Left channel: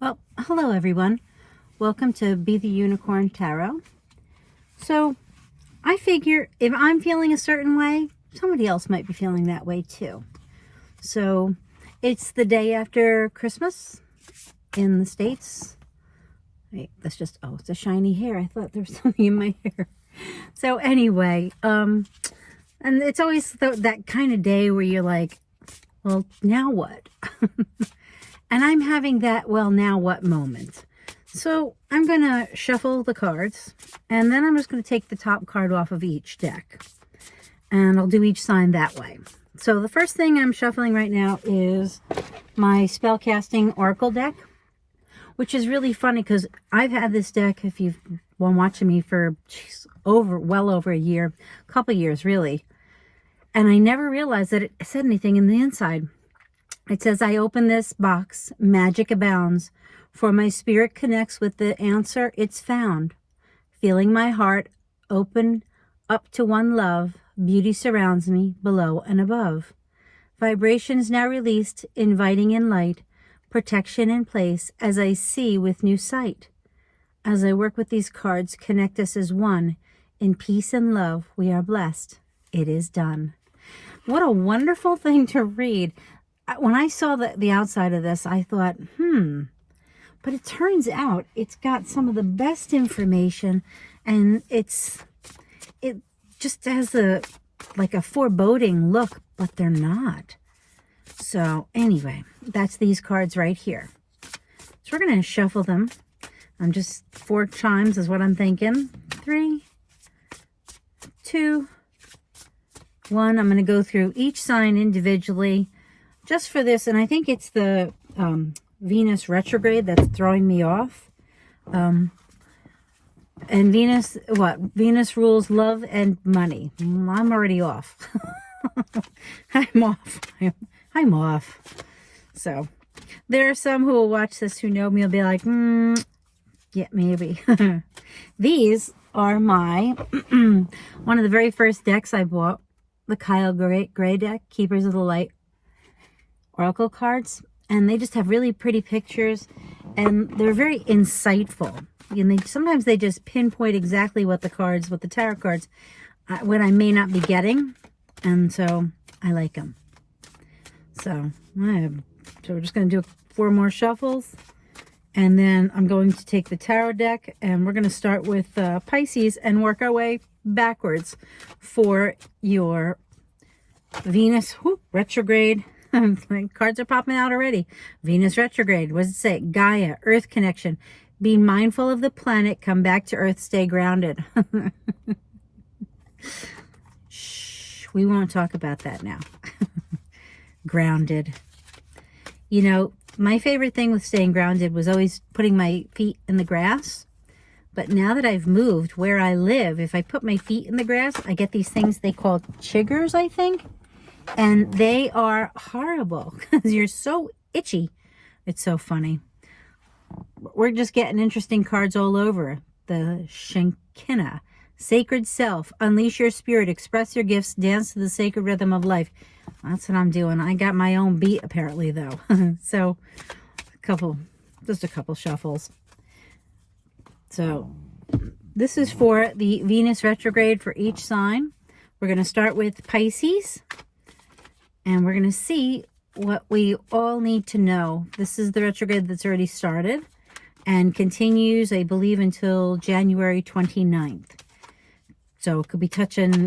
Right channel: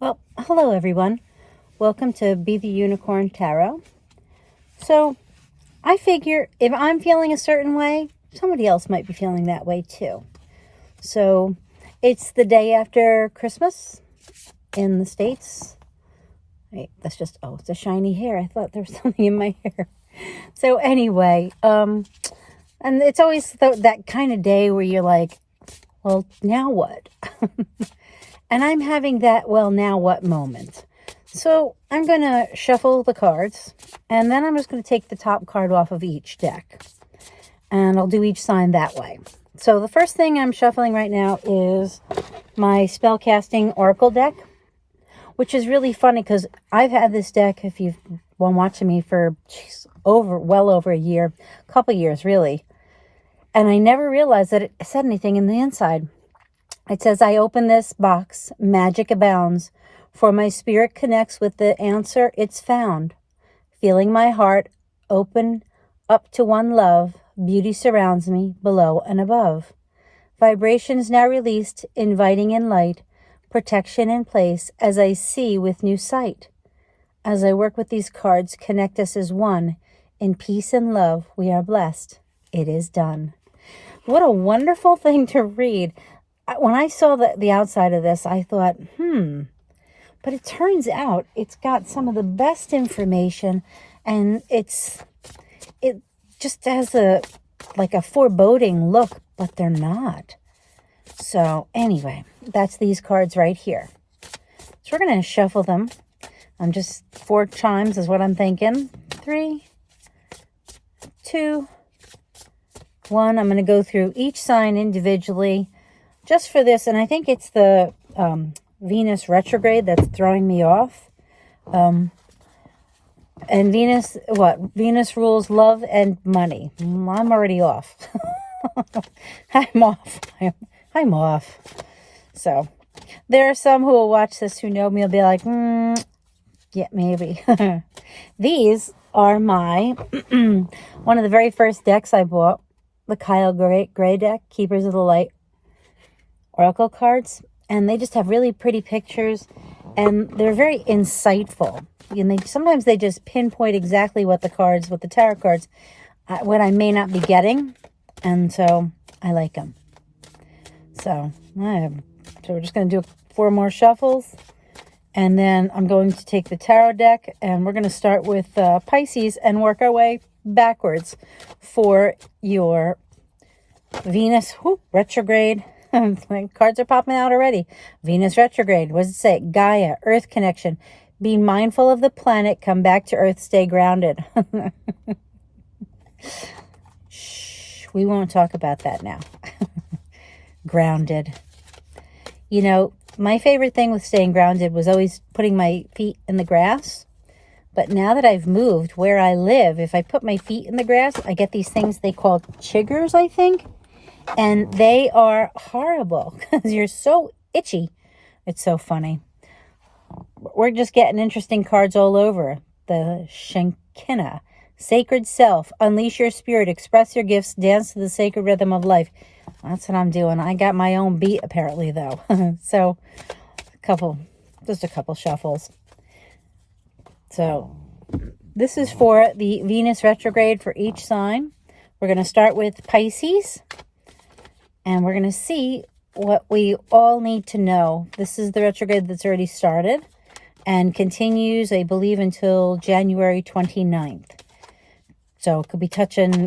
Well, hello everyone. Welcome to Be the Unicorn Tarot. So, I figure if I'm feeling a certain way, somebody else might be feeling that way too. So, it's the day after Christmas in the States. Wait, that's just, oh, it's a shiny hair. I thought there was something in my hair. So anyway, and it's always that kind of day where you're like, well, now what? And I'm having that, well, now what moment. So I'm going to shuffle the cards, and then I'm just going to take the top card off of each deck. And I'll do each sign that way. So the first thing I'm shuffling right now is my Spellcasting Oracle deck, which is really funny because I've had this deck, if you've been watching me for well over a year, a couple years really. And I never realized that it said anything in the inside. It says, I open this box, magic abounds, for my spirit connects with the answer it's found. Feeling my heart open up to one love, beauty surrounds me below and above. Vibrations now released, inviting in light, protection in place as I see with new sight. As I work with these cards, connect us as one. In peace and love, we are blessed. It is done. What a wonderful thing to read. When I saw the outside of this, I thought, but it turns out it's got some of the best information, and it just has like a foreboding look, but they're not. So anyway, that's these cards right here. So we're going to shuffle them. I'm just 4 chimes is what I'm thinking. 3, 2, 1. I'm going to go through each sign individually just for this, and I think it's the Venus retrograde that's throwing me off. And Venus, Venus rules love and money. I'm already off. I'm off. I'm off. So, there are some who will watch this who know me will be like, yeah, maybe. These are my, one of the very first decks I bought, the Kyle Gray deck, Keepers of the Light Oracle cards, and they just have really pretty pictures, and they're very insightful. And sometimes they just pinpoint exactly what the tarot cards, what I may not be getting, and so I like them. So we're just going to do 4 more shuffles, and then I'm going to take the tarot deck, and we're going to start with Pisces and work our way backwards for your Venus retrograde. My cards are popping out already. Venus retrograde. What does it say? Gaia, Earth connection. Be mindful of the planet. Come back to Earth. Stay grounded. Shh. We won't talk about that now. Grounded. You know, my favorite thing with staying grounded was always putting my feet in the grass. But now that I've moved where I live, if I put my feet in the grass, I get these things they call chiggers, I think. And they are horrible because you're so itchy. It's so funny. We're just getting interesting cards all over. The Shekinah, Sacred Self, Unleash Your Spirit, Express Your Gifts, Dance to the Sacred Rhythm of Life. That's what I'm doing. I got my own beat apparently though. So just a couple shuffles. So this is for the Venus retrograde for each sign. We're going to start with Pisces. And we're going to see what we all need to know. This is the retrograde that's already started and continues, I believe, until January 29th. So it could be touching,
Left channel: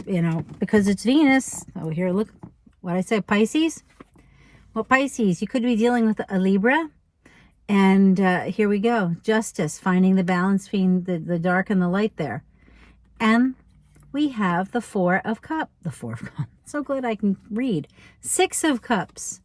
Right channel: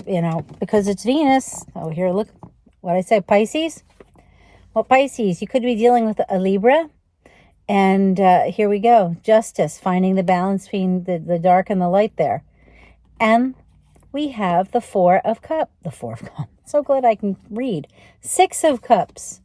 because it's Venus. Oh, here, look what I said, Pisces. Well, Pisces, you could be dealing with a Libra. And here we go. Justice, finding the balance between the dark and the light there. And we have the Four of Cups. So glad I can read. 6 of Cups.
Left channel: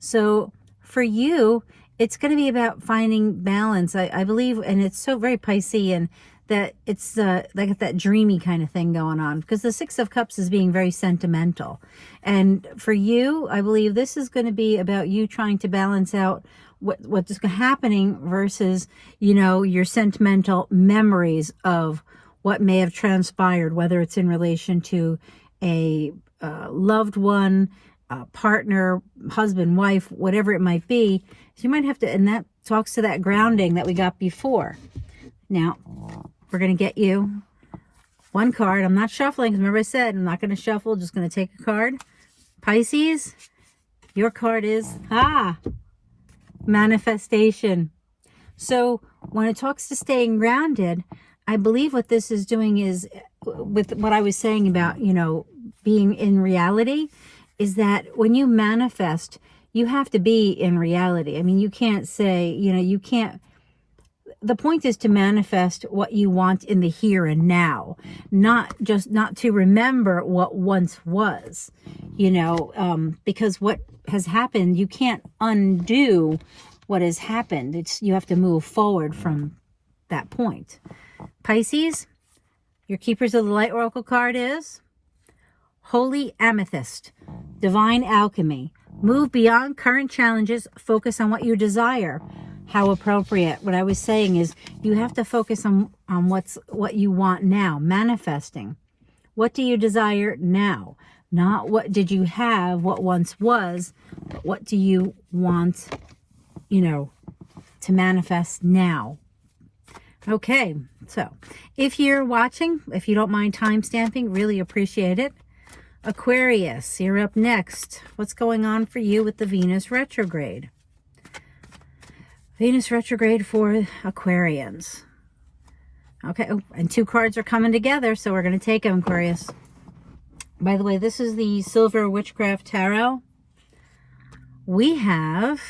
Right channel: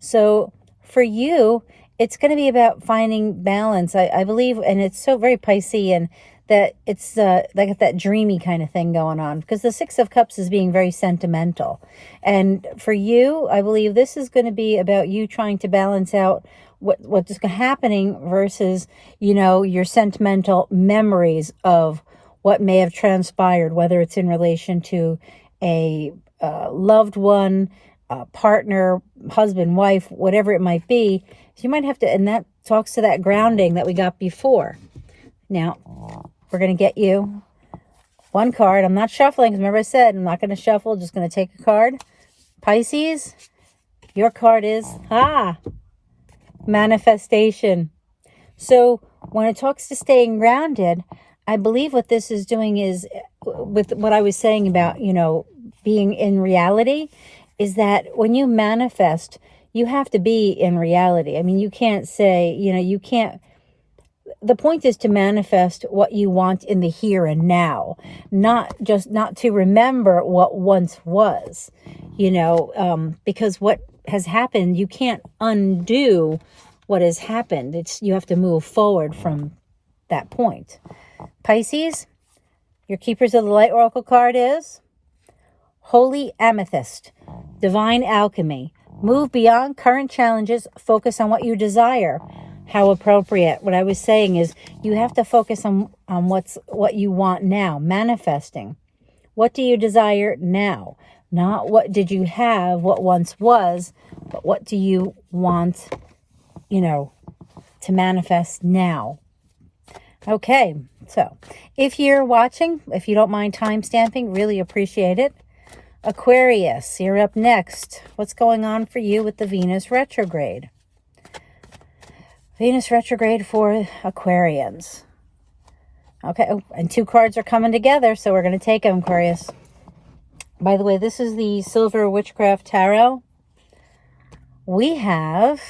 So for you, it's going to be about finding balance, I believe, and it's so very Piscean that it's like that dreamy kind of thing going on, because the 6 of Cups is being very sentimental. And for you, I believe this is going to be about you trying to balance out what's happening versus, your sentimental memories of what may have transpired, whether it's in relation to a loved one, a partner, husband, wife, whatever it might be. So you might have to, and that talks to that grounding that we got before. Now, we're going to get you one card. I'm not shuffling, because remember I said I'm not going to shuffle, just going to take a card. Pisces, your card is, manifestation. So when it talks to staying grounded, I believe what this is doing is, with what I was saying about, you know, being in reality, is that when you manifest, you have to be in reality. I mean, you can't say, you know, you can't, the point is to manifest what you want in the here and now, not to remember what once was, you know, because what has happened, you can't undo what has happened. You have to move forward from that point. Pisces, your Keepers of the Light Oracle card is Holy Amethyst, Divine Alchemy. Move beyond current challenges. Focus on what you desire. How appropriate. What I was saying is you have to focus on what you want now. Manifesting. What do you desire now? Not what did you have, what once was, but what do you want, you know, to manifest now. Okay, so if you're watching, if you don't mind time stamping, really appreciate it. Aquarius, you're up next. What's going on for you with the Venus retrograde? Venus retrograde for Aquarians. Okay, oh, and two cards are coming together, so we're going to take them, Aquarius. By the way, this is the Silver Witchcraft Tarot. We have,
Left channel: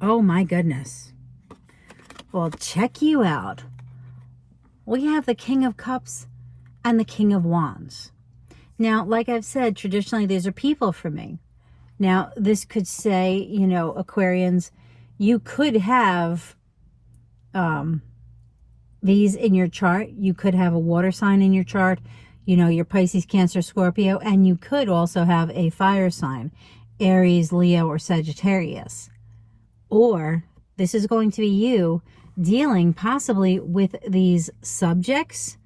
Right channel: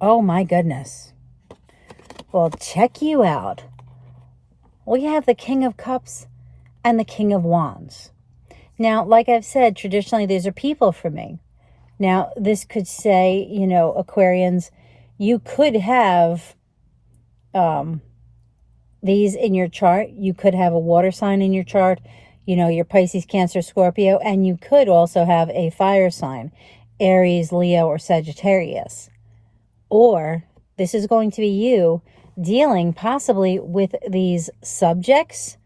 oh my goodness. Well, check you out. We have the King of Cups and the King of Wands. Now, like I've said, traditionally, these are people for me. Now, this could say, you know, Aquarians, you could have these in your chart. You could have a water sign in your chart, you know, your Pisces, Cancer, Scorpio, and you could also have a fire sign, Aries, Leo, or Sagittarius. Or this is going to be you dealing possibly with these subjects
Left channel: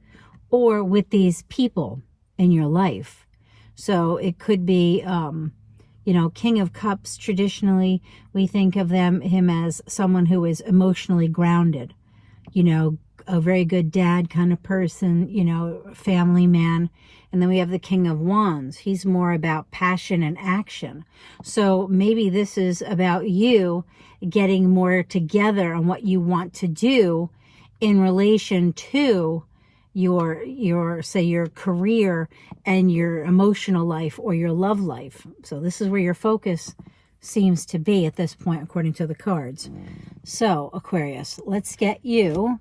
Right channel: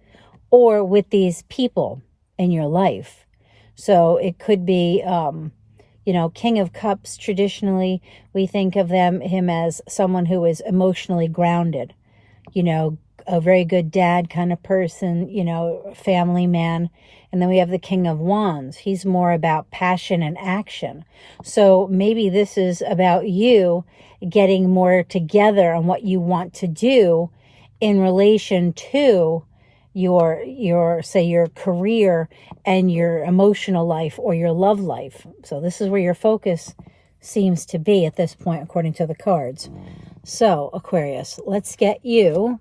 or with these people in your life. So it could be, you know, King of Cups. Traditionally, we think of him as someone who is emotionally grounded, you know, a very good dad kind of person, you know, family man. And then we have the King of Wands. He's more about passion and action. So maybe this is about you getting more together on what you want to do in relation to your say your career and your emotional life or your love life. So this is where your focus seems to be at this point, according to the cards. So Aquarius, let's get you.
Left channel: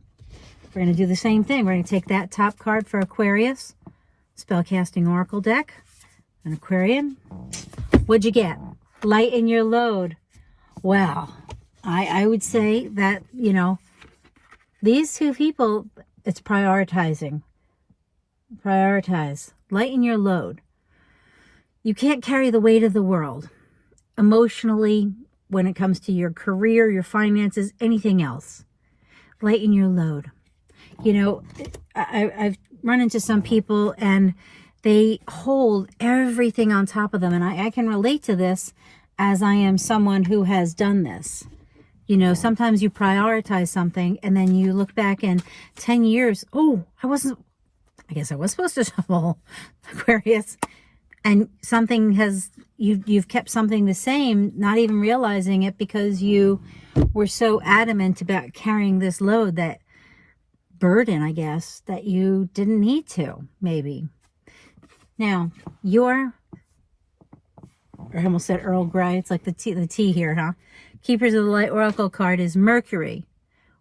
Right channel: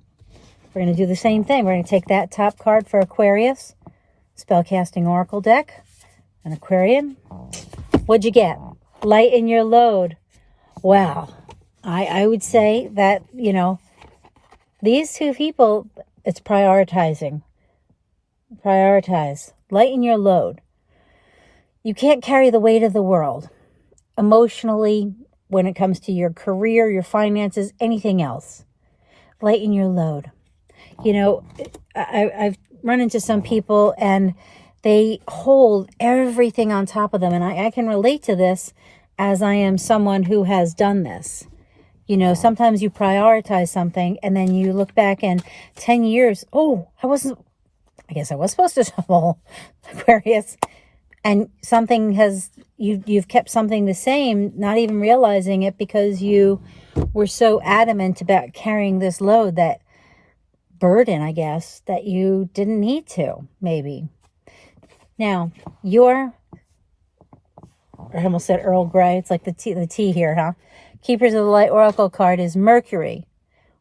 We're going to do the same thing. We're going to take that top card for Aquarius, Spellcasting Oracle deck, an Aquarian. What'd you get? Lighten your load. Wow. I would say that, you know, these two people, it's prioritizing. Prioritize. Lighten your load. You can't carry the weight of the world emotionally when it comes to your career, your finances, anything else. Lighten your load. You know, I've run into some people and they hold everything on top of them. And I can relate to this as I am someone who has done this. You know, sometimes you prioritize something and then you look back in 10 years. Oh, I guess I was supposed to shovel, Aquarius. And something you've kept something the same, not even realizing it because you were so adamant about carrying this load, that burden, I guess, that you didn't need to, maybe. Now, I almost said Earl Grey. It's like the tea here, huh? Keepers of the Light Oracle card is Mercury,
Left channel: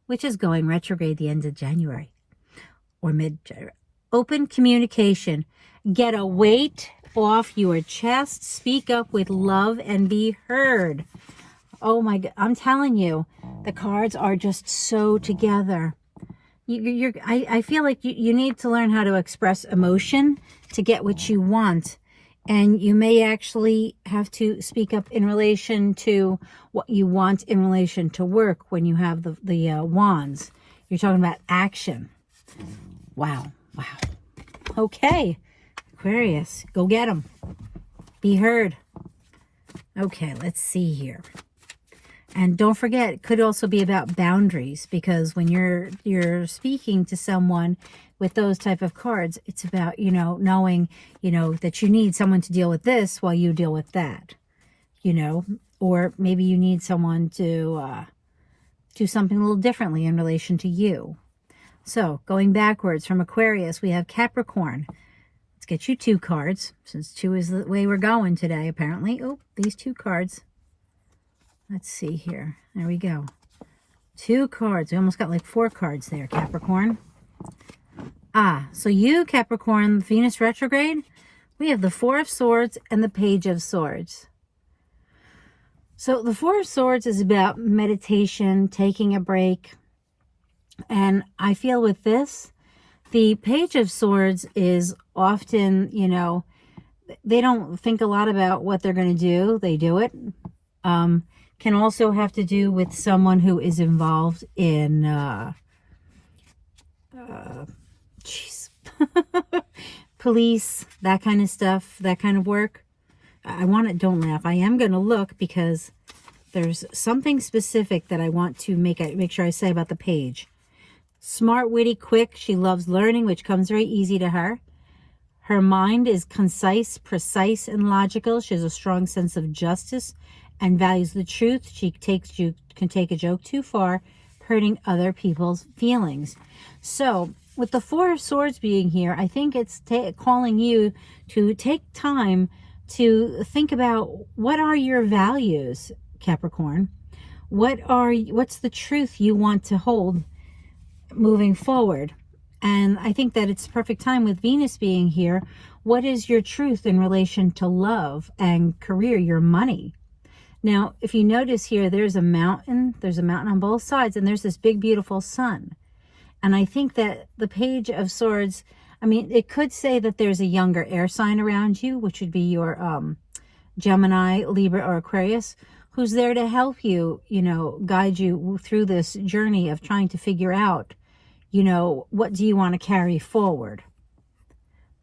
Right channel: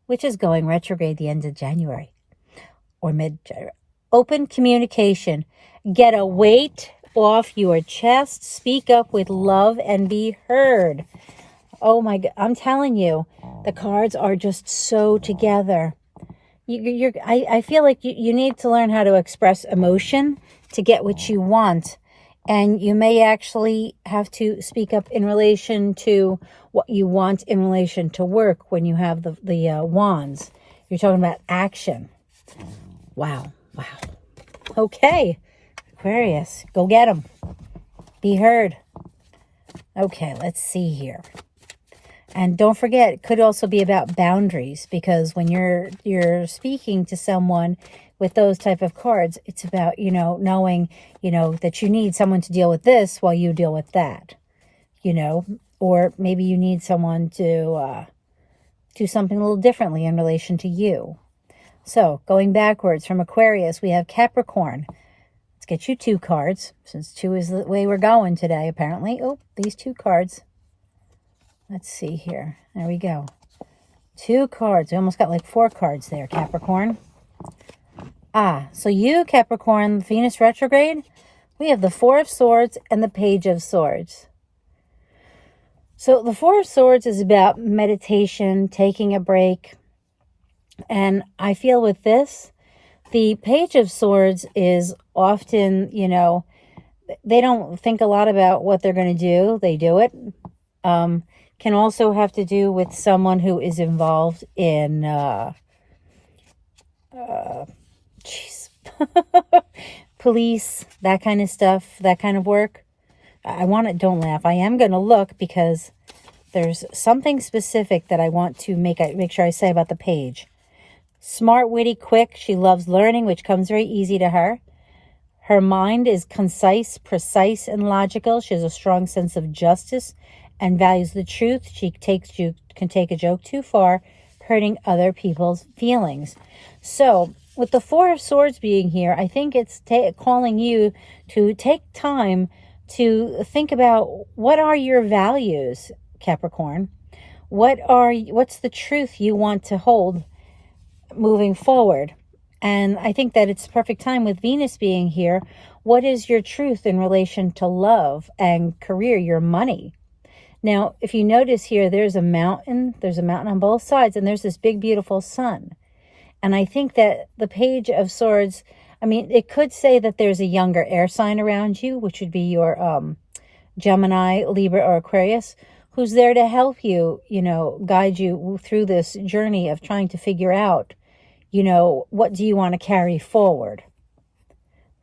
which is going retrograde the end of January or mid-January. Open communication. Get a weight off your chest. Speak up with love and be heard. Oh my God, I'm telling you, the cards are just so together. I feel like you need to learn how to express emotion to get what you want. And you may actually have to speak up in relation to what you want in relation to work when you have the wands. You're talking about action. Wow. Okay, Aquarius, go get them. Be heard. Okay, let's see here. And don't forget, it could also be about boundaries, because when you're speaking to someone with those type of cards, it's about, knowing, that you need someone to deal with this while you deal with that, or maybe you need someone to do something a little differently in relation to you. So going backwards from Aquarius, we have Capricorn. Let's get you 2 cards, since 2 is the way we're going today, apparently. Oh, these 2 cards. Let's see here. There we go. 2 cards. We almost got like 4 cards there, Capricorn. So you, Capricorn, Venus retrograde, we have the 4 of Swords and the Page of Swords. So the 4 of Swords is about meditation, taking a break. And I feel with this, the Page of Swords is often, they don't think a lot about what they're going to do. They do it. Can also have to do with someone who is involved in, police, that kind of stuff, that kind of work. Don't laugh. I am going to look, because there's something specific that I want to make sure I say about the page. Smart, witty, quick. She loves learning, which comes very easy to her. Her mind is concise, precise, and logical. She has a strong sense of justice and values the truth. She can take a joke too far, hurting other people's feelings. So with the 4 of Swords being here, I think it's calling you to take time to think about, what are your values, Capricorn? What's the truth you want to hold moving forward? And I think that it's perfect time with Venus being here. What is your truth in relation to love and career, your money? Now, if you notice here, there's a mountain on both sides, and there's this big, beautiful sun. And I think that the Page of Swords, it could say that there's a younger air sign around you, which would be your Gemini, Libra, or Aquarius, who's there to help you, guide you through this journey of trying to figure out, what do you want to carry forward?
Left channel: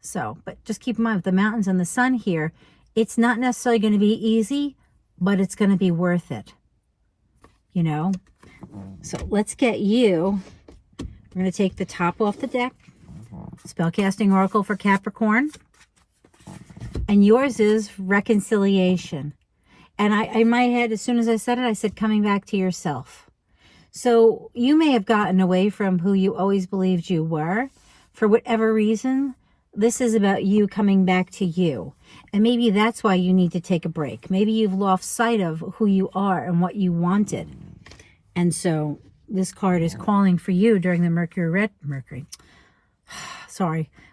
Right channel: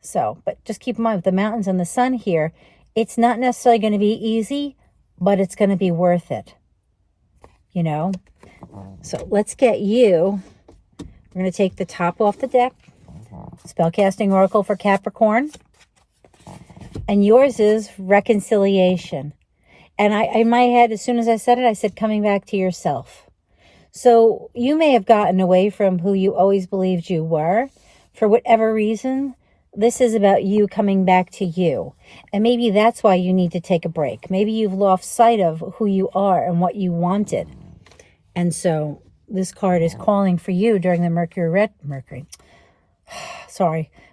So, but just keep in mind, with the mountains and the sun here, it's not necessarily going to be easy, but it's going to be worth it, So let's get you. We're going to take the top off the deck. Spellcasting Oracle for Capricorn. And yours is reconciliation. And in my head, as soon as I said it, I said coming back to yourself. So you may have gotten away from who you always believed you were. For whatever reason, this is about you coming back to you. And maybe that's why you need to take a break. Maybe you've lost sight of who you are and what you wanted. And so this card is calling for you during the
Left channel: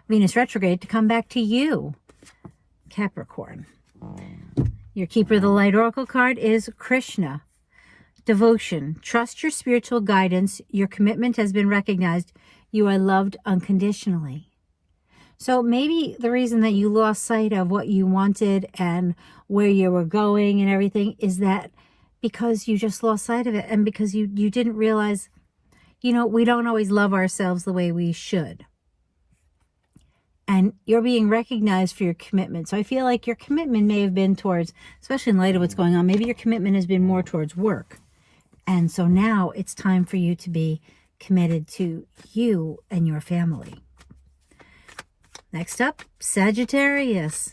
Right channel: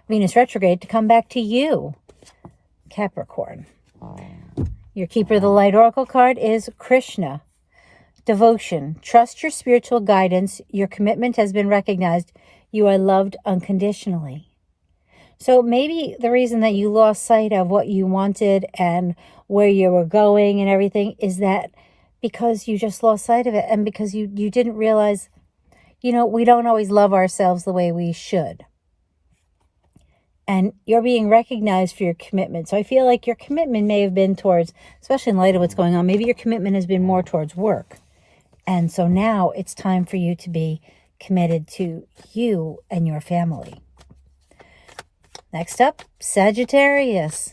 Venus retrograde to come back to you, Capricorn. Your Keeper of the Light Oracle card is Krishna. Devotion. Trust your spiritual guidance. Your commitment has been recognized. You are loved unconditionally. So maybe the reason that you lost sight of what you wanted and where you were going and everything is that because you just lost sight of it, and because you didn't realize, we don't always love ourselves the way we should. And you're being recognized for your commitment. So I feel like your commitment may have been towards, especially in light of what's going on, maybe your commitment has been more towards work. And so now it's time for you to be committed to you and your family. Next up, Sagittarius.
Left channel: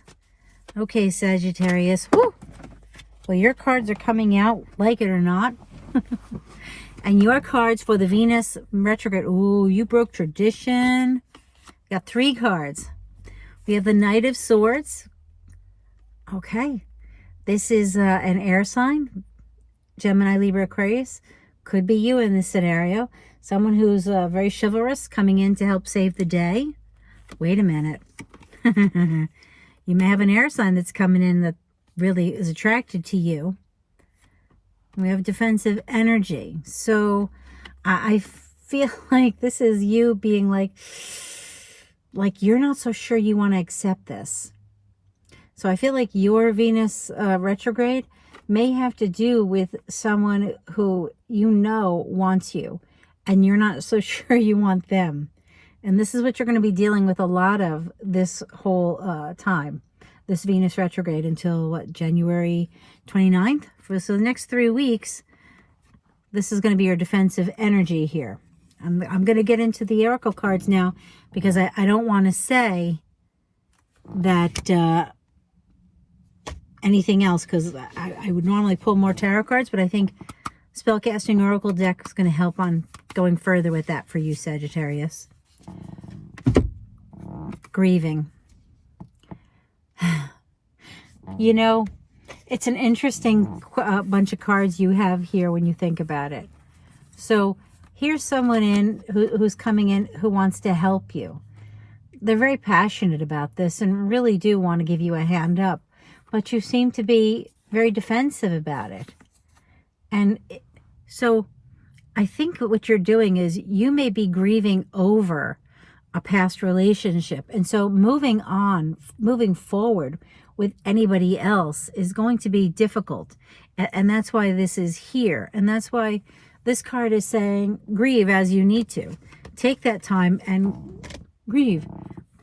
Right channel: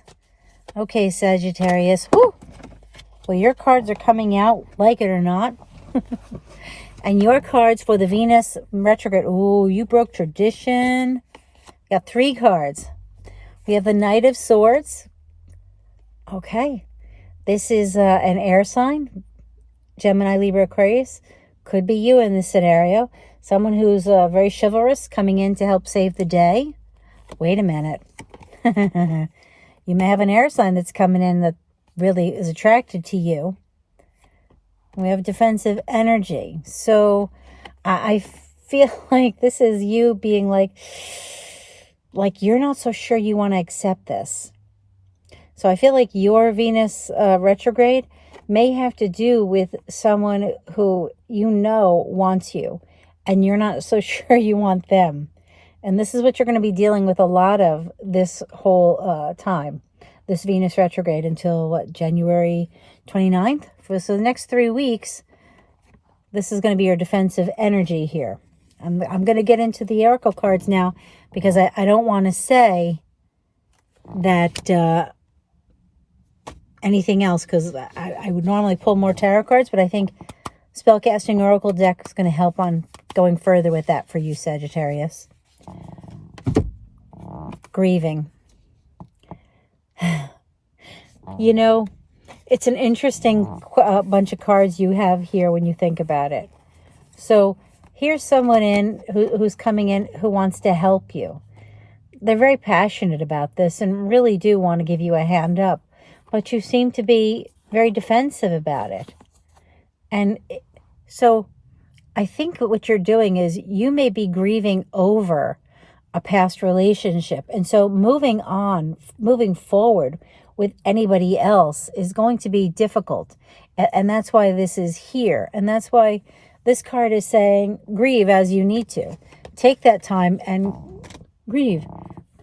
Okay, Sagittarius. Woo! Well, your cards are coming out, like it or not. And your cards for the Venus retrograde. Ooh, you broke tradition. Got 3 cards. We have the Knight of Swords. Okay. This is an air sign. Gemini, Libra, Aquarius. Could be you in this scenario. Someone who's very chivalrous, coming in to help save the day. Wait a minute. You may have an air sign that's coming in that really is attracted to you. We have defensive energy. So I feel like this is you being like you're not so sure you want to accept this. So I feel like your Venus retrograde may have to do with someone who wants you, and you're not so sure you want them. And this is what you're going to be dealing with a lot of this whole time, this Venus retrograde, until January 29th? So the next 3 weeks, this is going to be your defensive energy here. I'm going to get into the oracle cards now because I don't want to say that anything else, because I would normally pull more tarot cards, but I think Spellcasting Oracle deck is going to help on going further with that for you, Sagittarius. Grieving. You know, it's an interesting bunch of cards you have here when you think about it. So here's someone who's coming in who wants to help you. They're very passionate about this and really do want to give you a hand up, but you seem to be very defensive about it. And so I think what you're doing is you may be grieving over a past relationship. And so moving forward with anybody else is going to be difficult. And that's why this is here. And that's why this card is saying grieve as you need to. Take that time and grieve.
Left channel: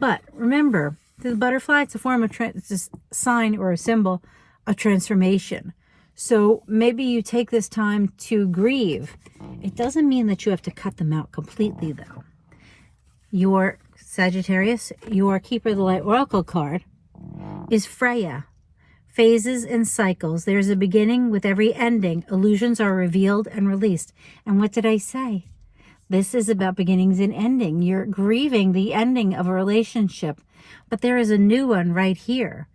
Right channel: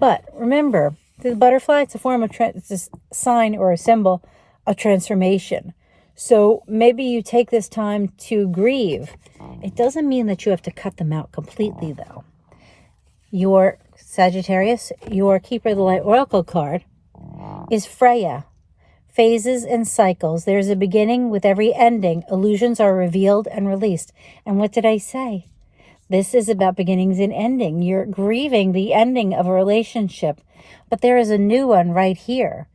But remember, the butterfly, it's a form of, it's a sign or a symbol of transformation. So maybe you take this time to grieve. It doesn't mean that you have to cut them out completely, though. Your Sagittarius, your Keeper of the Light Oracle card is Freya. Phases and cycles. There's a beginning with every ending. Illusions are revealed and released. And what did I say? This is about beginnings and ending. You're grieving the ending of a relationship, but there is a new one right here.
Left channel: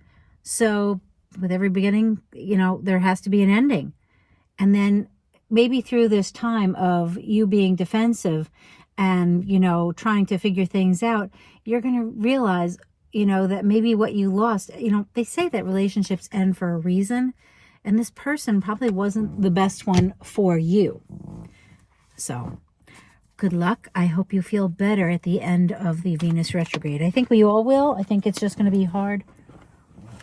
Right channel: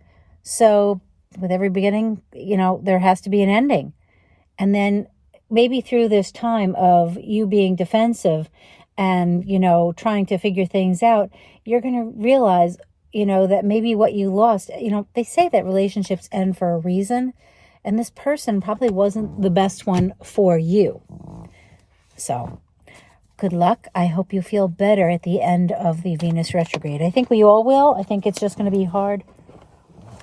So with every beginning, you know, there has to be an ending. And then maybe through this time of you being defensive and, you know, trying to figure things out, you're going to realize, you know, that maybe what you lost, you know, they say that relationships end for a reason, and this person probably wasn't the best one for you. So good luck. I hope you feel better at the end of the Venus retrograde. I think we all will. I think it's just going to be hard.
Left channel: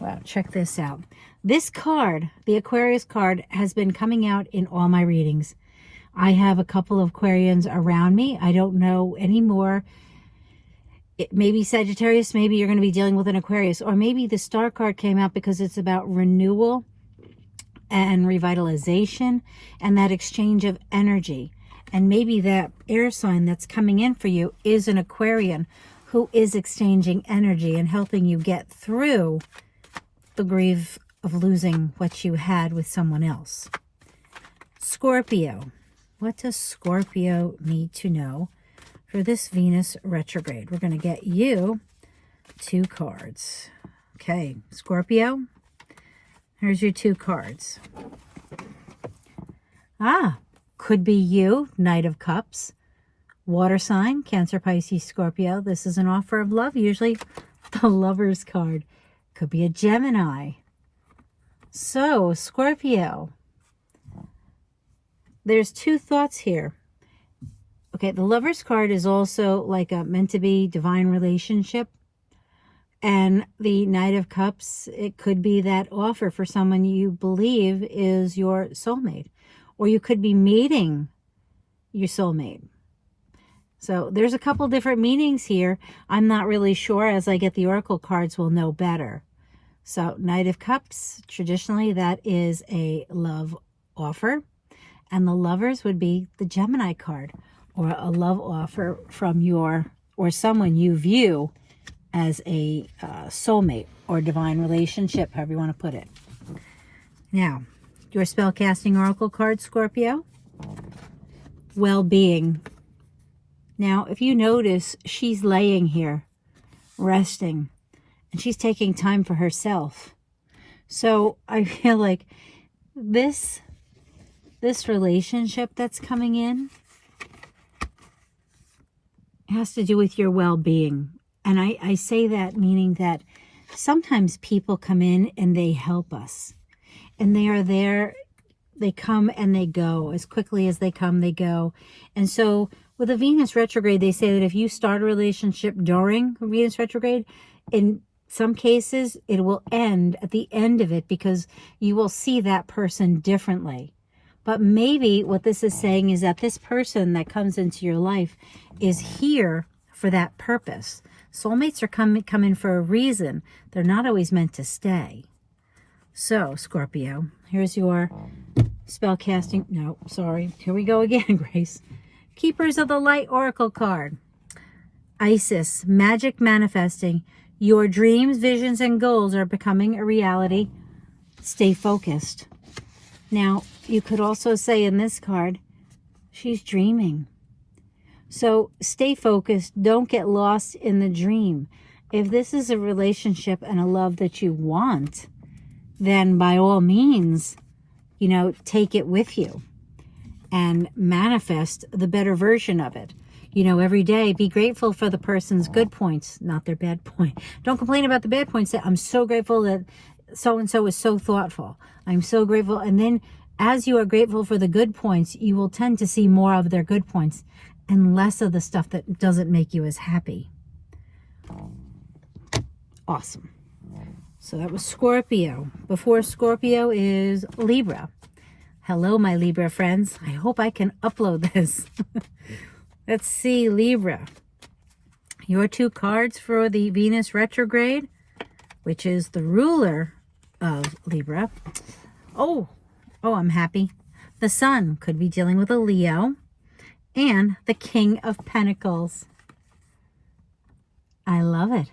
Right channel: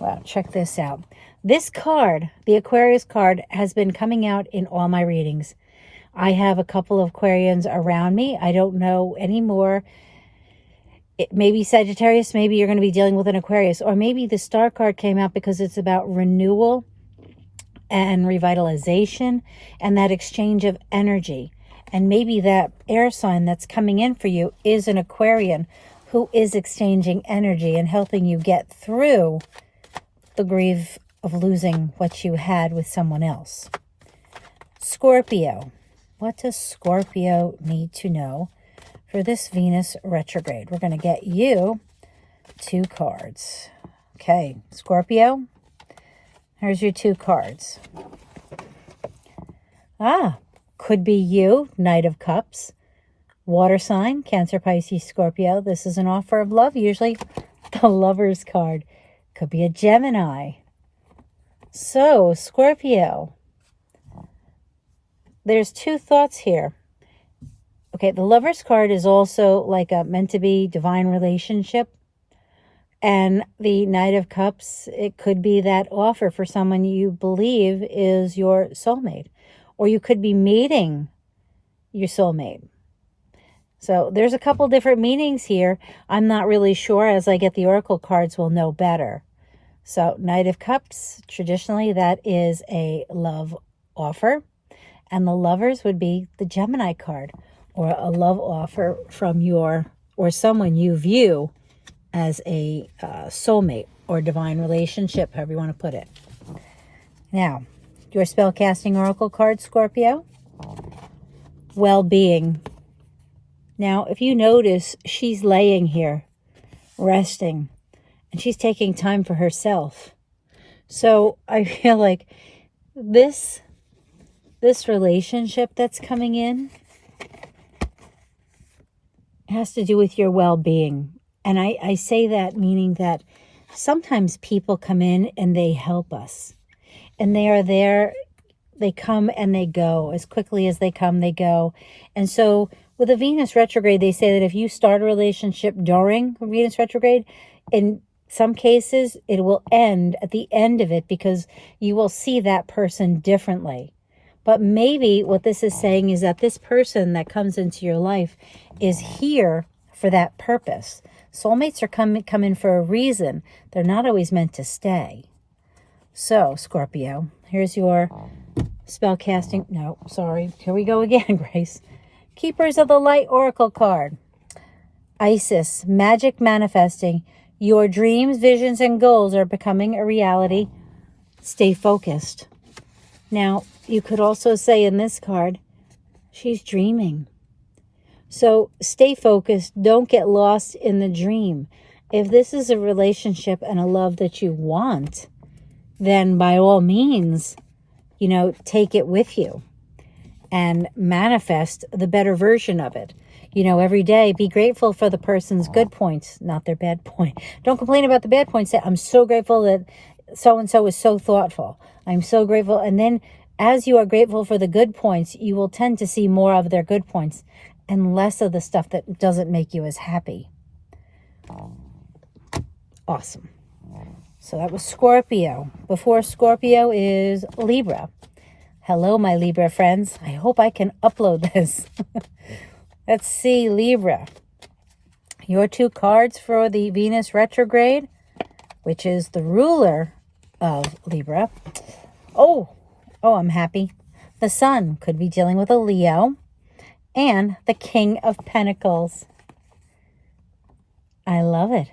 Well, check this out. This card, the Aquarius card, has been coming out in all my readings. I have a couple of Aquarians around me. I don't know anymore. Maybe Sagittarius, maybe you're going to be dealing with an Aquarius. Or maybe the Star card came out because it's about renewal and revitalization and that exchange of energy. And maybe that air sign that's coming in for you is an Aquarian who is exchanging energy and helping you get through the grief of losing what you had with someone else. Scorpio. What does Scorpio need to know for this Venus retrograde? We're going to get you 2 cards. Okay, Scorpio, here's your 2 cards. Could be you, Knight of Cups, water sign, Cancer, Pisces, Scorpio. This is an offer of love, usually the Lover's card. Could be a Gemini. So, Scorpio, there's 2 thoughts here. Okay, the Lover's card is also like a meant-to-be divine relationship. And the Knight of Cups, it could be that offer for someone you believe is your soulmate. Or you could be meeting your soulmate. So there's a couple different meanings here. I'm not really sure. As I get the Oracle cards, we'll know better. So Knight of Cups, traditionally that is a love offer. And the Lovers would be the Gemini card, or a love offer from your, or someone you view as a soulmate or divine relationship, however you want to put it. Now, your Spellcasting Oracle card, Scorpio, well-being. Now, if you notice, she's laying here, resting, and she's taking time for herself. So I feel like this relationship that's coming in has to do with your well-being. And I say that meaning that sometimes people come in and they help us. And they are there, they come and they go. As quickly as they come, they go. And so with a Venus retrograde, they say that if you start a relationship during Venus retrograde, in some cases, it will end at the end of it because you will see that person differently. But maybe what this is saying is that this person that comes into your life is here for that purpose. Soulmates are come in for a reason. They're not always meant to stay. So, Scorpio, here's your Spellcasting. No, sorry. Here we go again, Grace. Keepers of the Light Oracle card. Isis, magic manifesting. Your dreams, visions, and goals are becoming a reality. Stay focused. Now, you could also say in this card, she's dreaming. So stay focused. Don't get lost in the dream. If this is a relationship and a love that you want, then by all means, you know, take it with you and manifest the better version of it. You know, every day, be grateful for the person's good points, not their bad point. Don't complain about the bad points. Say, I'm so grateful that so-and-so is so thoughtful. I'm so grateful. And then as you are grateful for the good points, you will tend to see more of their good points and less of the stuff that doesn't make you as happy. Awesome. So that was Scorpio. Before Scorpio is Libra. Hello, my Libra friends. I hope I can upload this. Let's see, Libra. Your two cards for the Venus retrograde, which is the ruler of Libra. Oh, I'm happy. The Sun could be dealing with a Leo. And the King of Pentacles. I love it.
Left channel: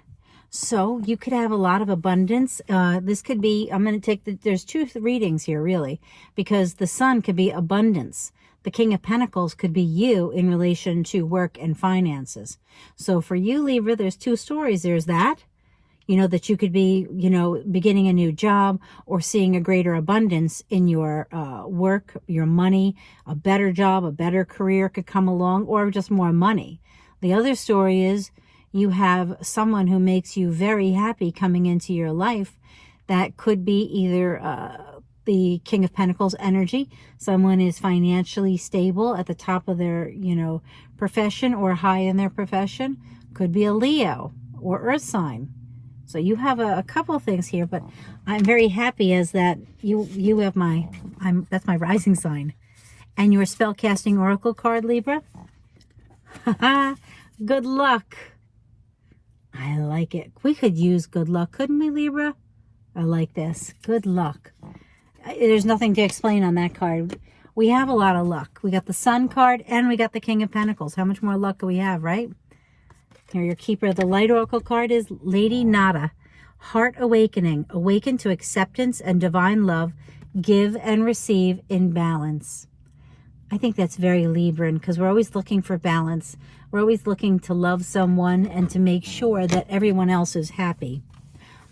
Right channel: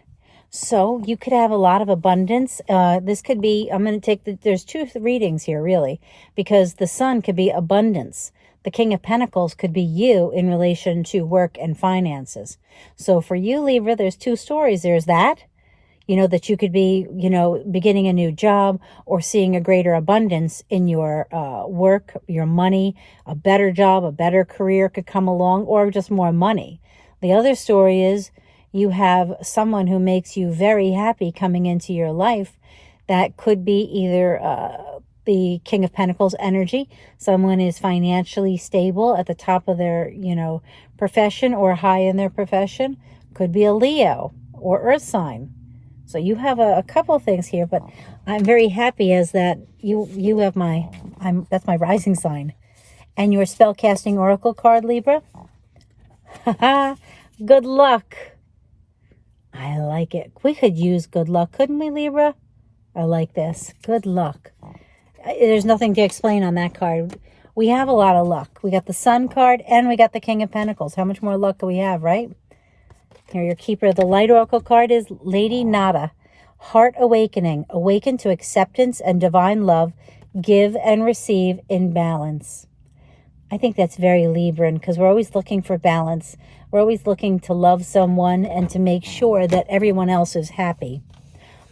So you could have a lot of abundance. This could be, I'm going to take there's two readings here really, because the Sun could be abundance. The King of Pentacles could be you in relation to work and finances. So for you, Libra, there's two stories. There's that, you know, that you could be, you know, beginning a new job or seeing a greater abundance in your work, your money, a better job, a better career could come along, or just more money. The other story is you have someone who makes you very happy coming into your life. That could be either the King of Pentacles energy. Someone is financially stable at the top of their, you know, profession or high in their profession. Could be a Leo or Earth sign. So you have a couple things here, but I'm very happy as that you have that's my rising sign. And your spellcasting oracle card, Libra. Good luck. I like it. We could use good luck, couldn't we, Libra? I like this. Good luck. There's nothing to explain on that card. We have a lot of luck. We got the Sun card and we got the King of Pentacles. How much more luck do we have, right? Here, your keeper of the light oracle card is Lady Nada. Heart awakening. Awaken to acceptance and divine love. Give and receive in balance. I think that's very Libran because we're always looking for balance. We're always looking to love someone and to make sure that everyone else is happy.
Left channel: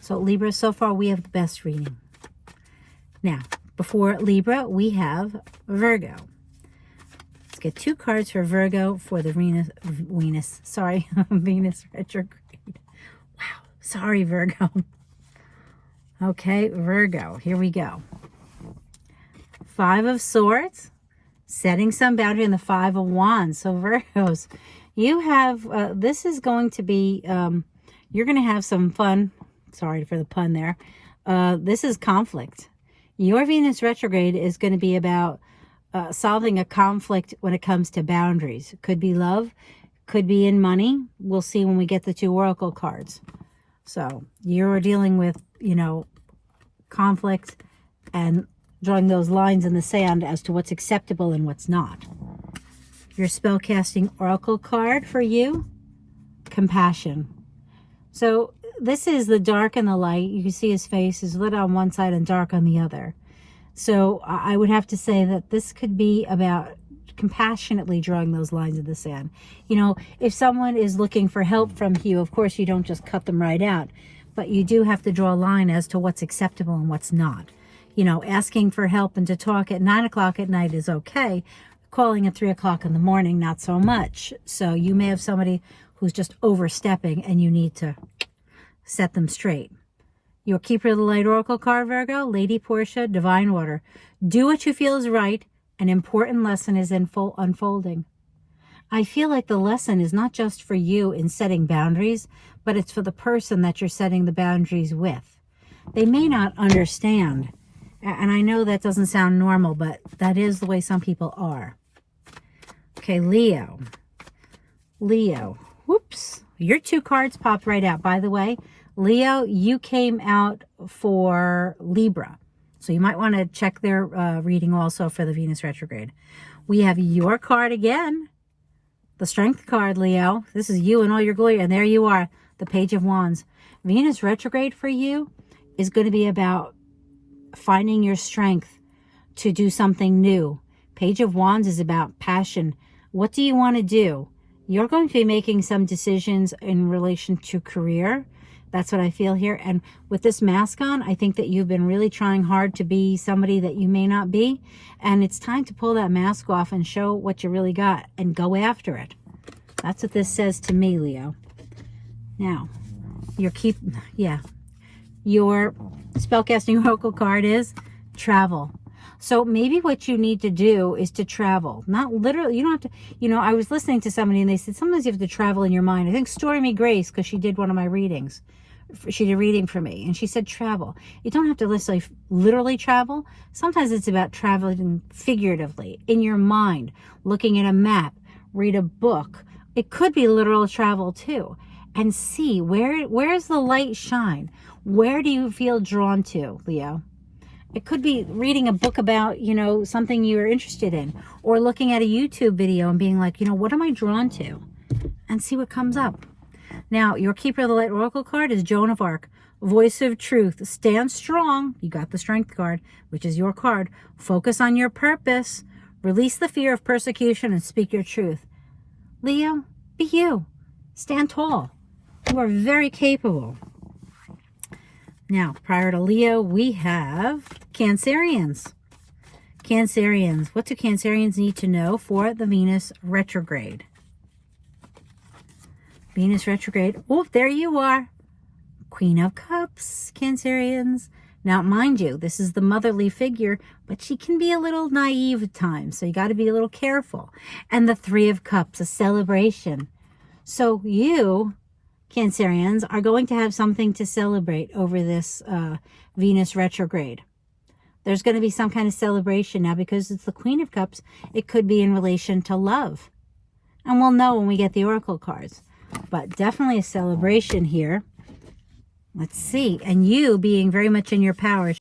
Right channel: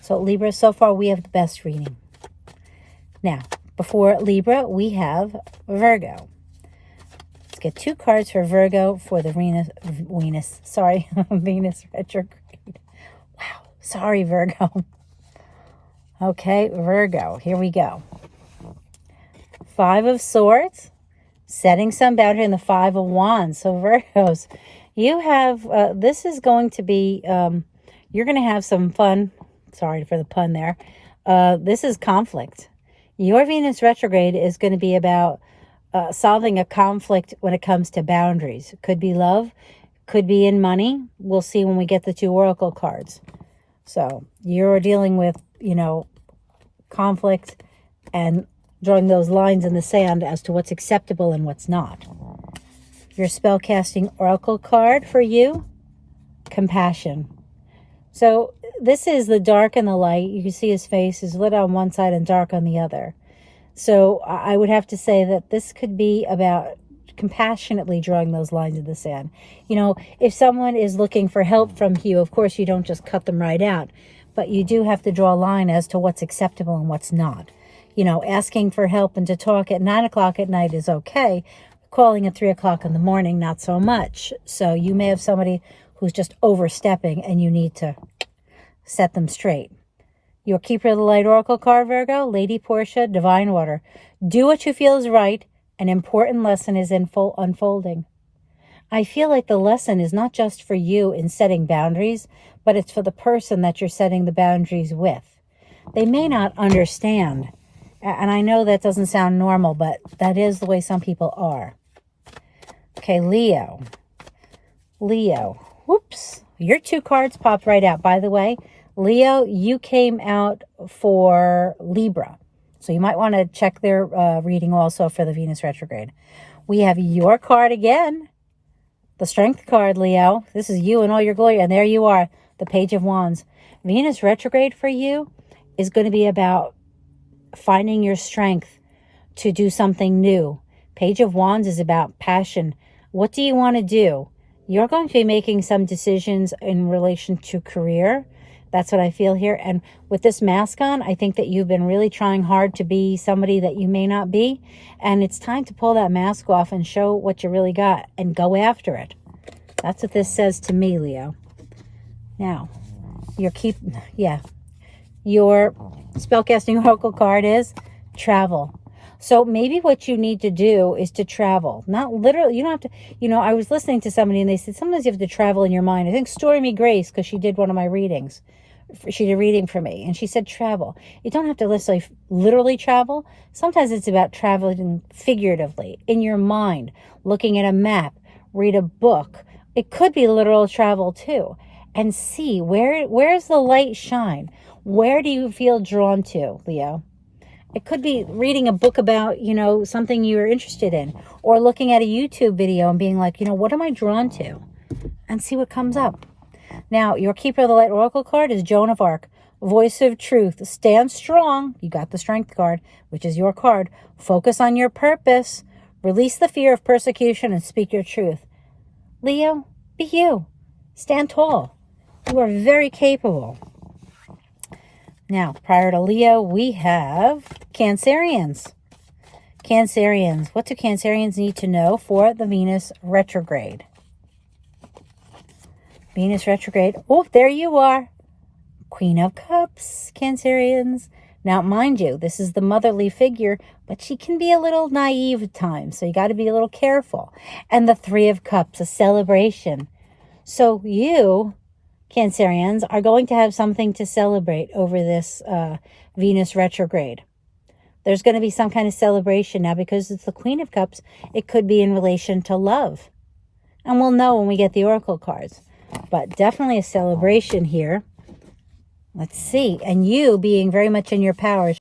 So Libra, so far we have the best reading. Now, before Libra, we have Virgo. Let's get two cards for Virgo for the Venus retrograde. Wow, sorry, Virgo. Okay, Virgo, here we go. Five of Swords, setting some boundary, in the Five of Wands. So Virgos, you have, this is going to be, you're going to have some fun. Sorry for the pun there. This is conflict. Your Venus retrograde is going to be about solving a conflict when it comes to boundaries. Could be love, could be in money. We'll see when we get the two oracle cards. So you're dealing with, you know, conflict and drawing those lines in the sand as to what's acceptable and what's not. Your spellcasting oracle card for you, compassion. So this is the dark and the light. You can see his face is lit on one side and dark on the other. So I would have to say that this could be about compassionately drawing those lines in the sand. You know, if someone is looking for help from you, of course you don't just cut them right out, but you do have to draw a line as to what's acceptable and what's not. You know, asking for help and to talk at 9 o'clock at night is okay. Calling at 3 o'clock in the morning, not so much. So you may have somebody who's just overstepping and you need to set them straight. Your keeper of the light oracle card, Virgo, Lady Portia, divine order. Do what you feel is right. An important lesson is in full unfolding. I feel like the lesson is not just for you in setting boundaries, but it's for the person that you're setting the boundaries with. They may not understand. And I know that doesn't sound normal, but that is the way some people are. Okay, Leo. Leo. Whoops. Your two cards popped right out. By the way, Leo, you came out for Libra. So you might want to check their reading also for the Venus retrograde. We have your card again, the Strength card, Leo. This is you in all your glory. And there you are, the Page of Wands. Venus retrograde for you is going to be about finding your strength to do something new. Page of Wands is about passion. What do you want to do? You're going to be making some decisions in relation to career. That's what I feel here. And with this mask on, I think that you've been really trying hard to be somebody that you may not be. And it's time to pull that mask off and show what you really got and go after it. That's what this says to me, Leo. Now, your spellcasting oracle card is travel. So maybe what you need to do is to travel. Not literally, you don't have to, I was listening to somebody and they said, sometimes you have to travel in your mind. I think Stormy Grace, because she did one of my readings. She did a reading for me and she said travel. You don't have to literally travel. Sometimes it's about traveling figuratively in your mind, looking at a map, read a book. It could be literal travel too. And see where's the light shine? Where do you feel drawn to, Leo? It could be reading a book about, something you're interested in, or looking at a YouTube video and being like, what am I drawn to? And see what comes up. Now, your Keeper of the Light Oracle card is Joan of Arc, Voice of Truth. Stand strong. You got the Strength card, which is your card. Focus on your purpose. Release the fear of persecution and speak your truth. Leo, be you. Stand tall. You are very capable. Now, prior to Leo, we have Cancerians. Cancerians. What do Cancerians need to know for the Venus retrograde? Venus retrograde. Oh, there you are. Queen of Cups, Cancerians. Now, mind you, this is the motherly figure, but she can be a little naive at times, so you got to be a little careful. And the Three of Cups, a celebration. So you, Cancerians, are going to have something to celebrate over this Venus retrograde. There's going to be some kind of celebration now because it's the Queen of Cups. It could be in relation to love. And we'll know when we get the Oracle cards. But definitely a celebration here. Let's see. And you being very much in your power